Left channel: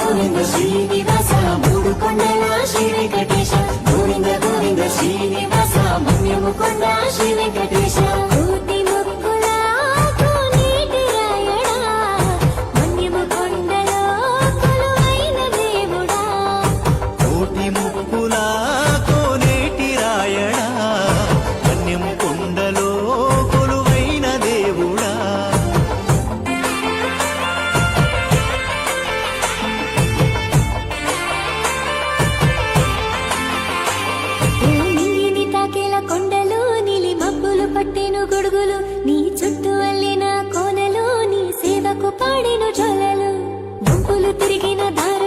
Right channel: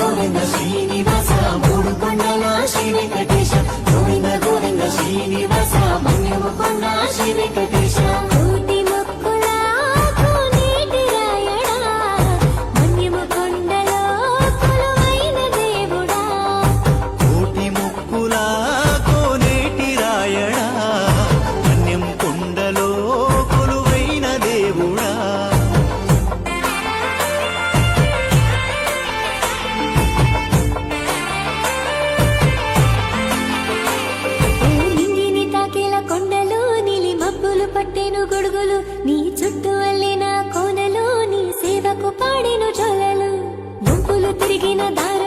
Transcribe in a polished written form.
గోవింద శ్రీనివాస మూడు కొండల శ్రీ వెంకటేశ గోవింద గోవింద శ్రీనివాస మన్యము కొండ శ్రీ వెంకటేశ కోటి మొక్కుల కోనేటి రాయడా మన్యము కొండలో కొలువైన దేవుడా కోటి మొక్కుల కోనేటి రాయడా మన్యం కొండలో కొలువైన దేవుడా కొండలు నీలి మబ్బులు పట్టెను గొడుగులు నీ చుట్టూ అల్లిన కోనలు నీ సేవకు పాడెను జోలలు గుంపులు తిరిగిన దారి